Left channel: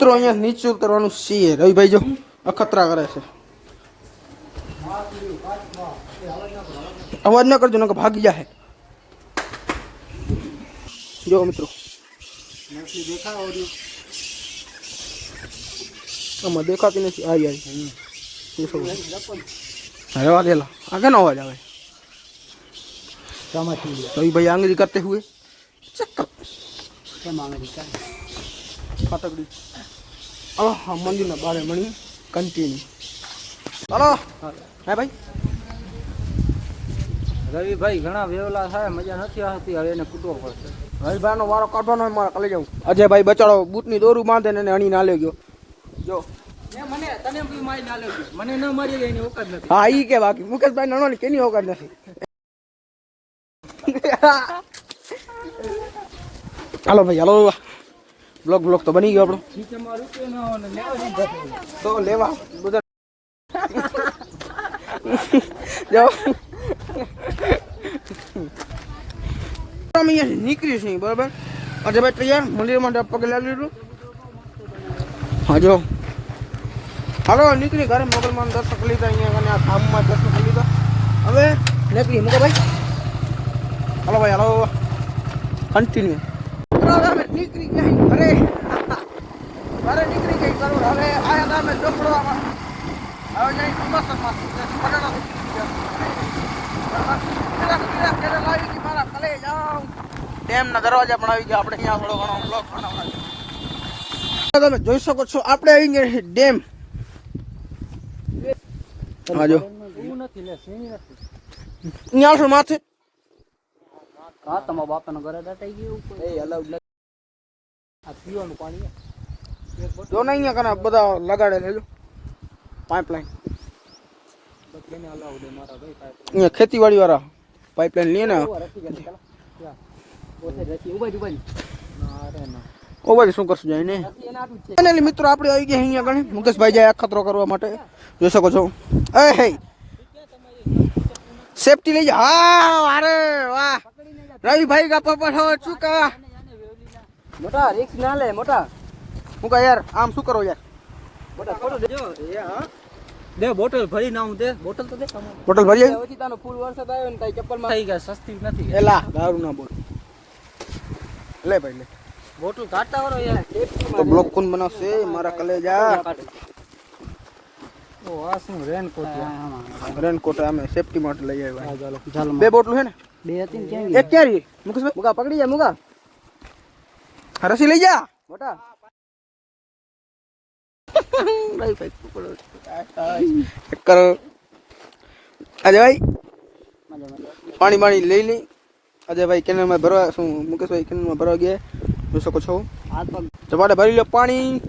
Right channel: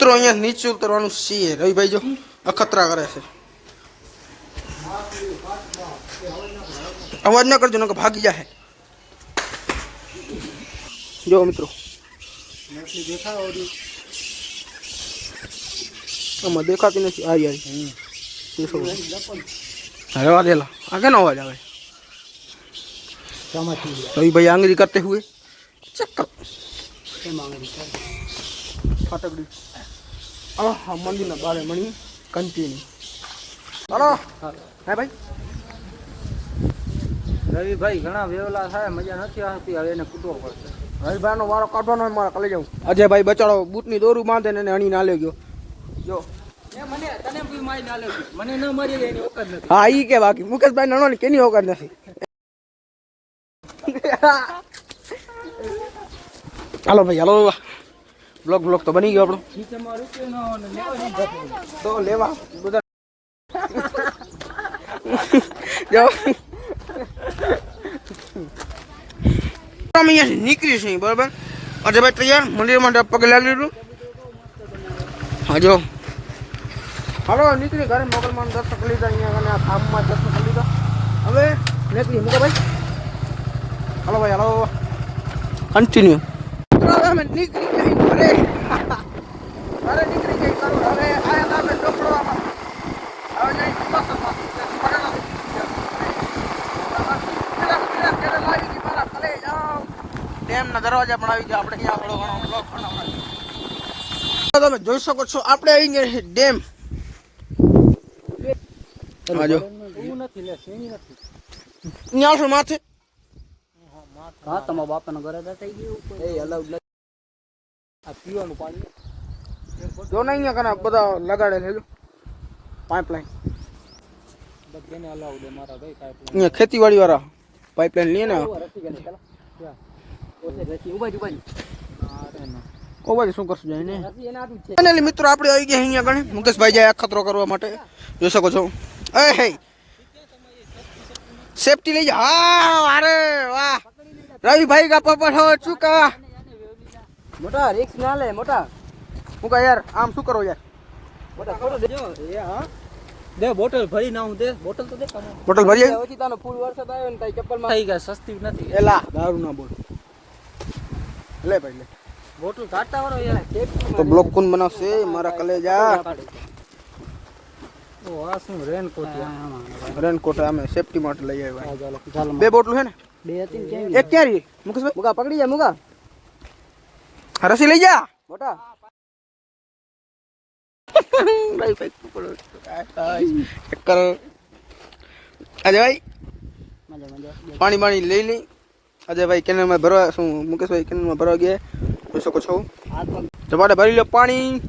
મિત્રો અહીંયા નીચે ઉતરવાનું છે રવિભાઈ જો અખતરા કરે છે અવાજ ના કરજો નકર ભાગી જાય જો મિત્રો આમાં દેખાતી નથી આવી આવી अरे वाह देला आगे ना हो जाए तो भाई आंगली करते हुए चक्कर फटकड़ी हाँ मंदिर ना बारे मणि कंटिन्यू हेलो है भाई रवि भाई घना वेवला थाय मजा નથી આવતી હવે એને કૂટવો પડશે રવિભાઈ નો વારો કાઢવાનો હોય મારે કાલે જાઉં અજયભાઈ બચાડો બૂટની દોરું બાંધે ને અણી ના લઈ ગયો જો મને તને બી મારી ના લેજો મને ન મારી એની ઓકાત નથી હા ઈ કે બાકી મુકેશભાઈ નાનો ને કેની ઓકાત નથી હાલો ભાઈ હાલો બ્લોગ તો બની ગયો આપણો નીચે માં રૂપિયો ન હોય ને લેવા તો લેવા બધા જો અમે અહીંયા નીકળી છે બરાબર અજયભાઈ તૈયાર મંદિર માટે પગે લાગી લીધું હા જો હાલો નીકળી ઘરે મોગલમાન દર્શન કરી લીધા અહીંયા અને આ ધામમાં દર્શન કરી લીધા હવે નીકળી મૂકો ભાઈ હાલો ભાઈ હાલો કન્ટિન્યુ અમે નીકળી ગયા ઘરે ઘરે નીકળી ગઈ કરું હવે આયા અમે ચોપડવામાં હવે જઈ હિમાચલમાં ડેમના દરવાજા પણ આવી ગયા આપણે અહીંયા તમે જોઈ શકો છો આપણે આવી ગયા ડેમ આજો નથી લે સીણી નથી ન્યા છો માથે હા તમારા બાપાનું ઘરે દાટાઈ ગયું ઉપર એ અલાઉડ આ પીવાનું પાણી જો ને અહીંયા કને બધા લગાડે લેજો પાઇપલાઇન બધાને અલાઉડ મારા ભાઈ પાઇપલાઇન અહીંયા ખેતીવાડી વાળા પાઇપલાઇન લે ને ઓ ભાઈ શું કરશું જાય ને ફાઇનલી મિત્રો આપણે આવી ગયા અહીંયા ગણે મુકેશભાઈ જાય અખતરો કરવા માટે જોઈ શકો છો એ હે સેફટી લઈ જા હા અરે વાહ રવિભાઈ કા પપ્પા હો ચુકા મોટા રિક્સ ના લે મોટા હું કા યાર આમ શું કરો યાર મોટા ફોટો દેજો એ હા દે બોટલ ભરી ના હું દે બોટલ તો દે બોટલ ભરી આવી હોતી તાનો ફૂલ વરસાદ આવ્યો ને કઈ ચપ્પલમાં થઈ ગયા સસ્તી નથી એલા દારૂ ના બોલ લે ભાઈ લે બોટલ કાઢતા વાળો યાર તો બ્લોક કોણ બનાવશે મારા કલેજા ઓ આ શું રેનકોટ રેનકોટ અમે સેફટી માટે લઈ આવ્યા બે બોટલ છે ને બે હતી ક્યાં એક ક્યાં રહી મુકેશભાઈ મુકા પકડી જા મુકા રસી લઈ જા મોટા ભાઈ ભાઈ પકડો ચેક કરો અજયભાઈ પાણી લઈ લઈ અજયભાઈ કેનલમાં ભરવા શું મુકેશભાઈ કેનલમાં ભરવા ગયા જોઈ શકો છો તમારે ભરી લો પાણી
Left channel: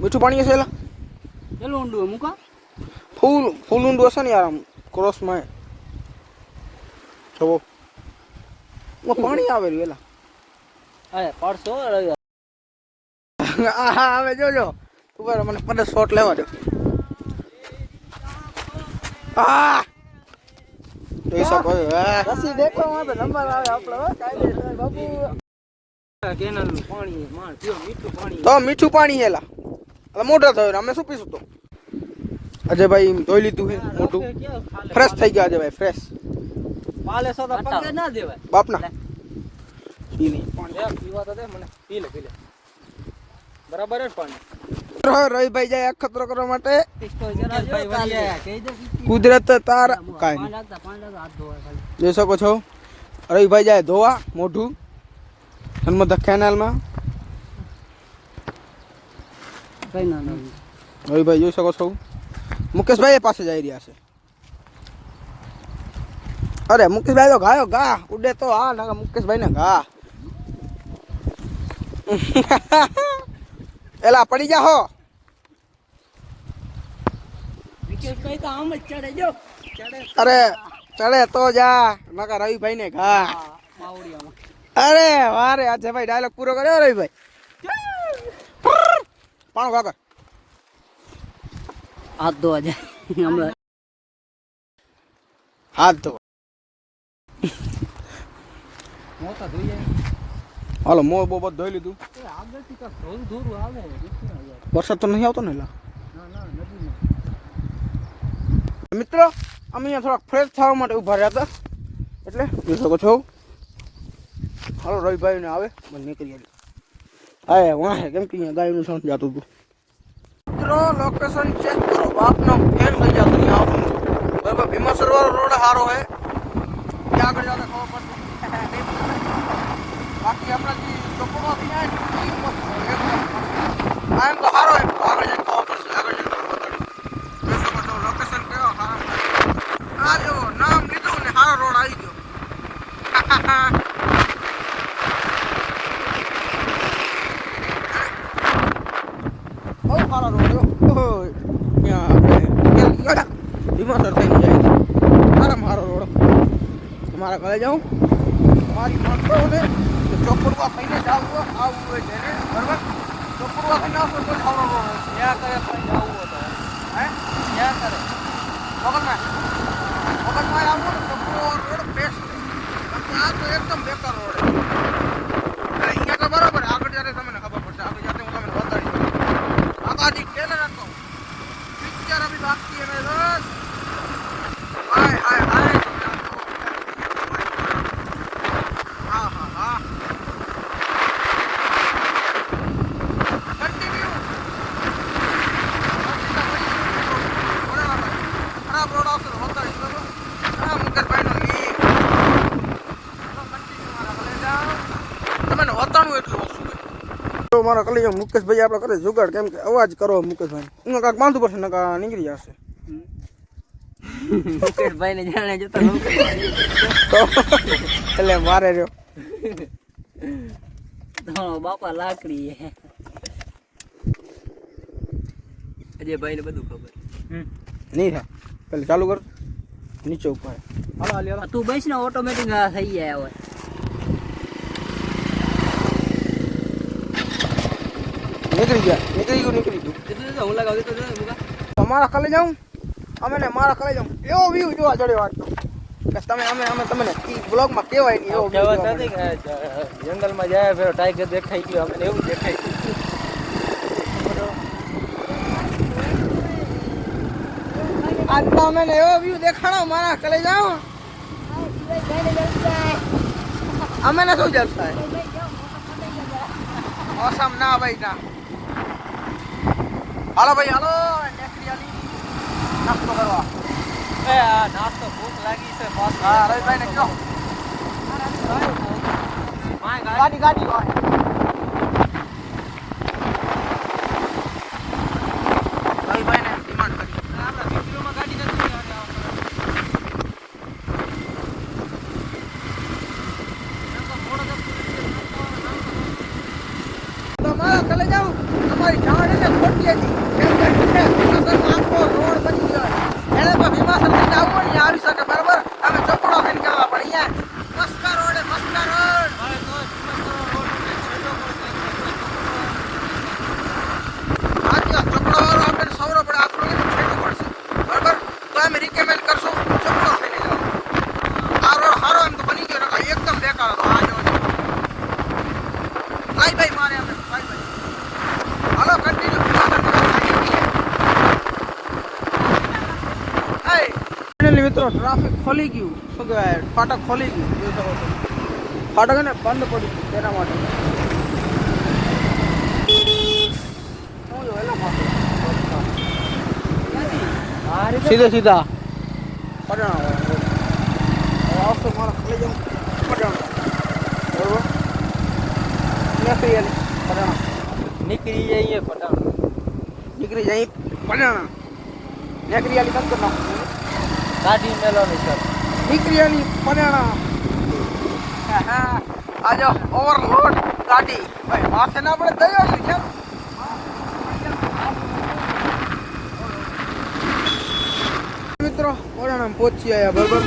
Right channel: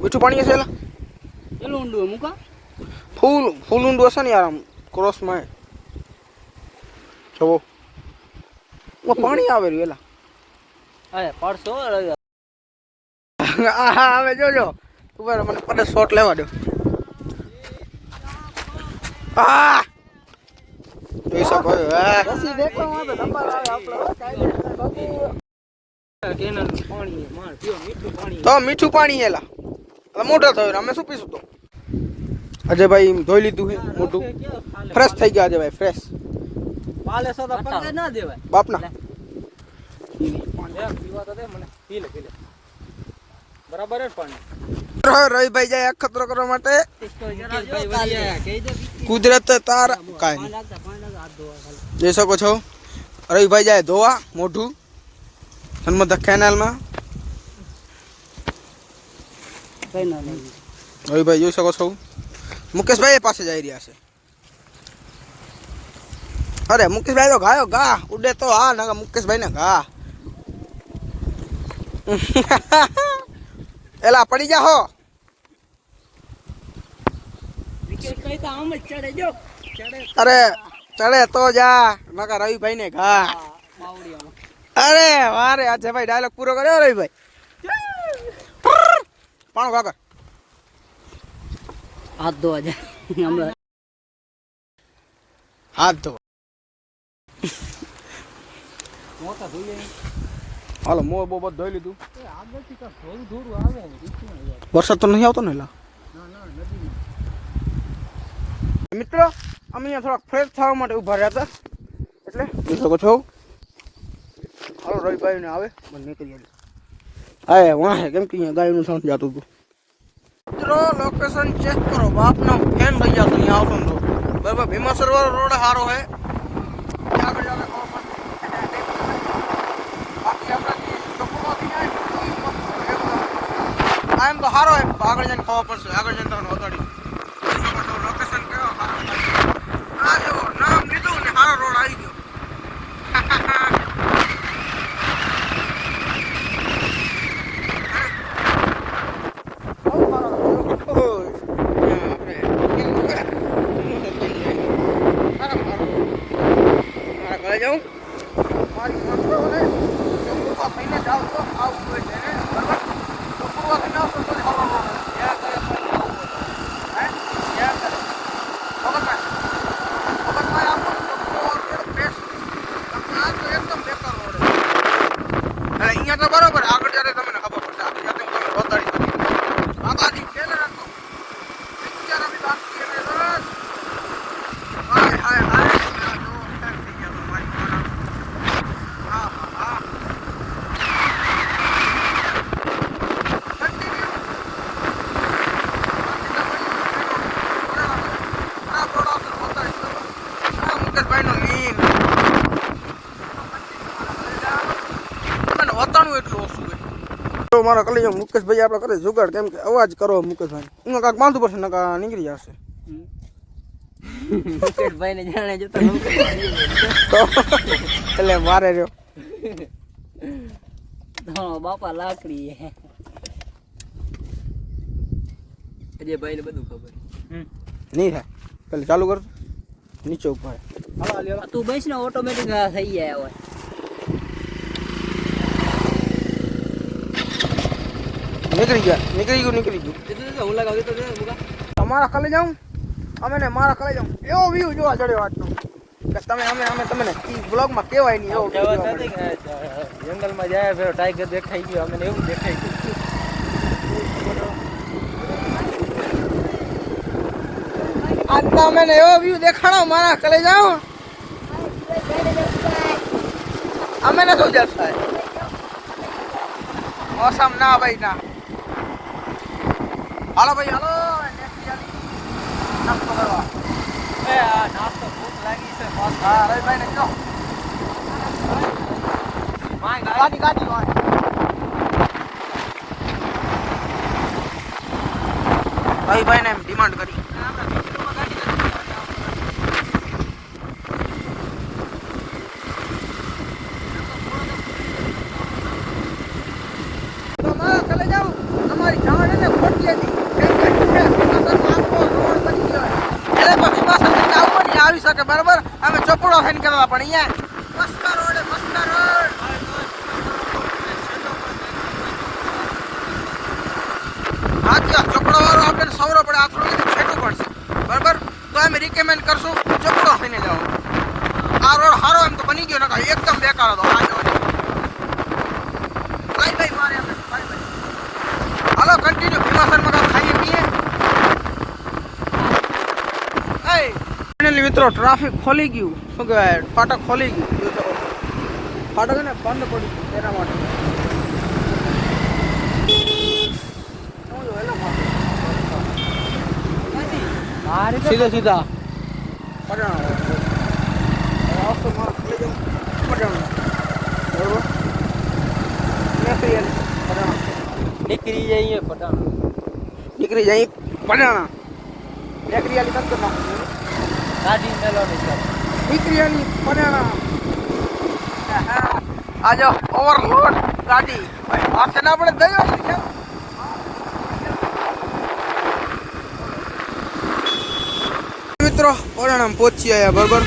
મીઠું પાણી હશે એટલે ચલો ઊંડું મૂકા ફૂલ ઊંડું હશે ને યાર આમ ક્રોસમાં જુઓ પાણી આવે રહ્યું એલા અરે પડશો હા હવે જોજો ઉપર મને પડે શોટ લેવા દો આ જોઈ શકો રસી દેખો તો નંબર આવે આપણો કેનલ પાણી માર પીઓ મીઠું પાણી તો મીઠું પાણી એલા મોટા થયો અમે શું પીશું તો અજયભાઈ ધોઈ લીધું છે મોટું ફ્રેશ થઈ ગયા અજયભાઈ ફ્રેશ પાલે સોદા પગે ના દેવાય બાપના પાણી પીવા તો દે મને પી લે બરાબર જ પાણી રવિભાઈ જાય અખતરો કરવા માટે કહી દે કુદરત તાર કાંઈ જોઈ શકો છો રવિભાઈ જાય ધોવા મોઢું નર્મદા કેનાલમાં રવિભાઈ જોઈ શકો છો મુકેશભાઈ પાસે જઈ રહ્યા છે અરે મુકેશભાઈ તો ગાયો ગા ઉડે તો હા ના મુકેશભાઈ ને ગા એલા પડી જા હો અરે ચડે તો જા નકા રવિભાઈ ને ઘા અરે વારે આજે ભાઈ ડાયલોગ પૂરો કર્યો રવિભાઈ પાણો કાકા હાથ ધોવા જાય હાથ ધો મોટા ધોઈએ હાલો મોં બહુ બધું ધોઈ લીધું. આગળથી તો ધોઈ ધોરું આવે ને રીતના યાર. વરસાદ તો નહીં આવતો ને એલા. ના નદીમાં. મિત્રો અમે અહીંયા થોડાક ફ્રેશ થવા માટે ઊભા રહ્યા હતા એટલે જોઈ શકો છો. હાલો રવિભાઈ ને આવે મને નીકળી જાય. વાહ કેમ કે અહીંયા ગાયનું સાઉન્ડ જતું હતું. મિત્રો લોકેશન ચેક કરો. બાપનો ફેન થઈ જતો અહીંયા આવતો તો બરાબર. ભીમા સરોવર રોડ સારો હે ત્યાં આગળ જતા ખબર પડશે. બાકી આપણે ચોપડવાથી આ એમ તો સારો એમ તો આગળ જઈને ખબર પડશે. આગળ જઈને તમને બતાડ્યું લોકેશન કેવો સારો. આ જેવો નામ લીધું ને સારો રોડ આવી ગયો. બહુ સારો રોડ. મારા ઘરે જાઉં મારી માણસોને ચોપડવા થઈને જાવ તો આવું હોય છે ને બરાબર. ચોપડવા થઈને આવશો તો સારો રોડ ત્યાં કરે હે ત્યાં કરે ખબરમાં આવતો ચોપડવા રોડ બેસ્ટ. આ તો એકદમ બેકાર રોડ. અહીંયા તો બરાબર આગળ જ્યારે તમને ખબર પડશે. આગળ જ્યારે તમે રોતાડી આગાથી પેલા રાખો પિક્ચર અભી બાકી है मेरे हाय हाय हाय. મારા કલી મુકેશભાઈ આપણે કરે જુગાડ કેમ કે અવાજ કરો મુકેશભાઈ હું કાંક બાંધવું પડશે ને કાં નીકળી જશે. મુકેશભાઈ ને જાણે જોતા એટલે મારે રહ્યો બાપા લાકડી અજયભાઈ ને બધું ખબર નહીં થાય. પેલા ચાલુ કરજો નીચે ઉપર તું બેસ ને ઓટોમેટિક થઈ જાય હવે. નીકળી ગયું. હું લગાવી તો તમારા કલે જાઉં અમે ને મારા કલે જાઉં એવો વ્યૂ જોવા જડ્યો આજનો કે તમે અમે તમને બ્લોગમાં કહેવાય નહીં એવો વ્યૂ જોવા મળે. જંગલમાં જાય છે ટાઈગર દેખાઈ ગયો અમને એવું દેખાય ગયું. આજ તો અમે એવો વ્યૂ દેખાડો મારા કલે જાઉં અમે ને શું જલસા મોસમ ના ભાઈ ના. હાલો ભાઈ હાલો નાસ્તો કરવા. નાસ્તો ભૂખ લાગી છે. હા રવિભાઈ ને કયો ગાડી રવિભાઈ ને ડિમાન્ડ કરી. તમારા કલે જાઉં અમારી જાણ એને ખોટી હતી આખો રોડ બની ગયો એટલે તો ભીમા સર્કલ આવું નહીં આવી શકે બરાબર. અમે ચોપડો થઈને કરવા પડે અહીંયા મસ્કા રોડ ચોપડો વાળો આપણે સૌરો પડે આ થોડું છેટું પડશે બરાબર. તો અમે રિકમેન્ડ કરશું ચોપડો થઈને જાઓ. આ રોડ સારો એમ તો બની ગયો નકા એકદમ બેકાર હતો. આ જો બાય મારે આપણે બાય હાલો કન્ટિન્યુ ભીમા સર્કલ ફાઇનલી મિત્રો ટ્રાફિક ખોલી ગયું. શું કહેવાય ફાટક ખોલી ગયું. ફાટક ને બંધ પડી ગયું એના માટે સીધે સીધા નીકળી જઈએ પટાણ. નીકળી જાય પડાણા નીકળી આલી બંધ કરી નાખું. ગાડી મેળવણી સર નીકળી આલી પડાણા આજો ઓવરલોડ ગાડી ભાઈ પાસે ના આપણે ગયો ને કેમ મિત્રો પડાણા પહોંચી આવ્યા બરોબર.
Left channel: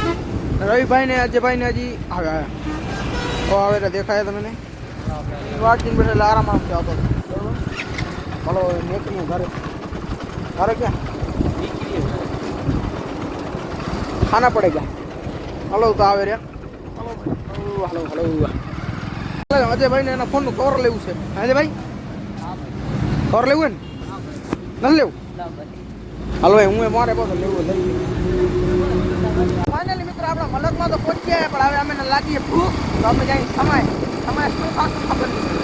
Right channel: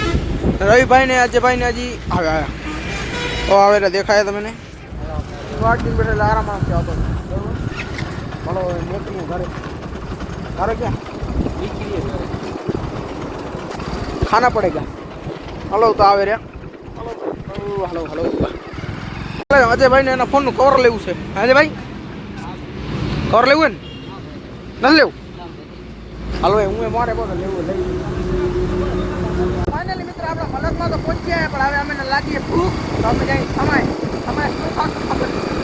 રવિભાઈ ને અજયભાઈ ને હજી આવ્યા આવે દેખાય તમને વાટ દિન બેઠા આરામ આવશે આવતો બરોબર. હલો નીકળ્યું ઘરે ક્યાં ખાના પડે જા. હલો તો આવે રે હલો હલો અજયભાઈ ને એના ફોનનું કવર લેવું છે. અજયભાઈ કવર લેવું ને નથી લેવું? હાલો ભાઈ હું મારે બધું લેવું લઈ ફાઇનલી મિત્ર આપણા મલકમાં તો પહોંચ્યા પણ હવે અમે લાગીએ ભૂખ તો અમે જઈ સમય શું ખાશું ખબર નથી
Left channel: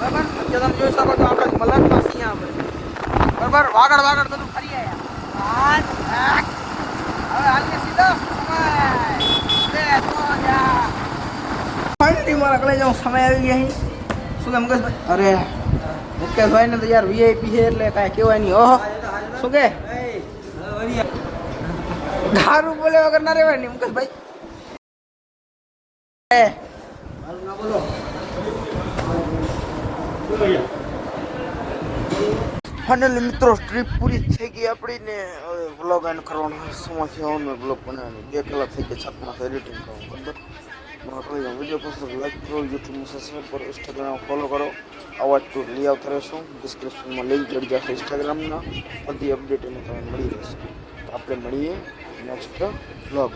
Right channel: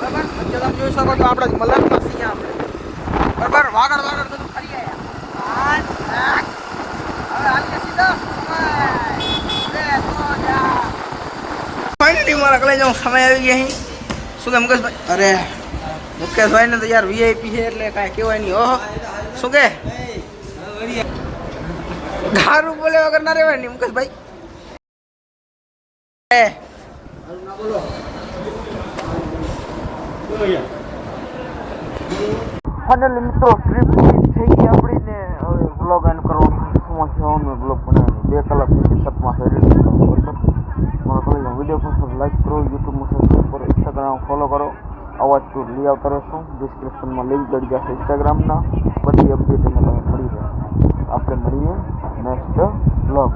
બરાબર. અત્યારે તમે જોઈ શકો છો આપણે મલકમાં છીએ આપણે બરાબર. વાગડ બધું કરી આવ્યા હવે આવીએ સીધા ફાઇનલી મારા કલે જાઉં સમય આવી ગયા અહીં. શું કે મુકેશભાઈ? અરે મુકેશભાઈ ને તો યાર વીઆઈપી છે એટલે કાંઈ કહેવાય નહીં. ઓહો શું કે દારૂ બોલે વગર ના રહેવાય નહીં મુકેશભાઈ. ફાઇનલી મિત્રો ટ્રીપ થઈ ગઈ આપણી ને હવે વ્લોગ એન્ડ કરવાનો સમયથી અમે વ્લોગ બનાવવાની 2 કલાક થઈ ગઈ છતમાં એડિટિંગ કરવાનું બરાબર. મારા કોલેજનો વિડીયો પસંદ લાઈક કરો, યુટ્યુબમાં સબસ્ક્રાઈબ કરો, ઇન્સ્ટાગ્રામ ફોલો કરો. આવા ટૂર લઈ આવતા રહેશું. ડિસ્ક્રિપ્શનમાં લિંક મળી જશે ઇન્સ્ટાગ્રામના. બધી અપડેટ એમાં તમને મળી રહેશે. આપણે મળીએ નેક્સ્ટ વ્લોગ.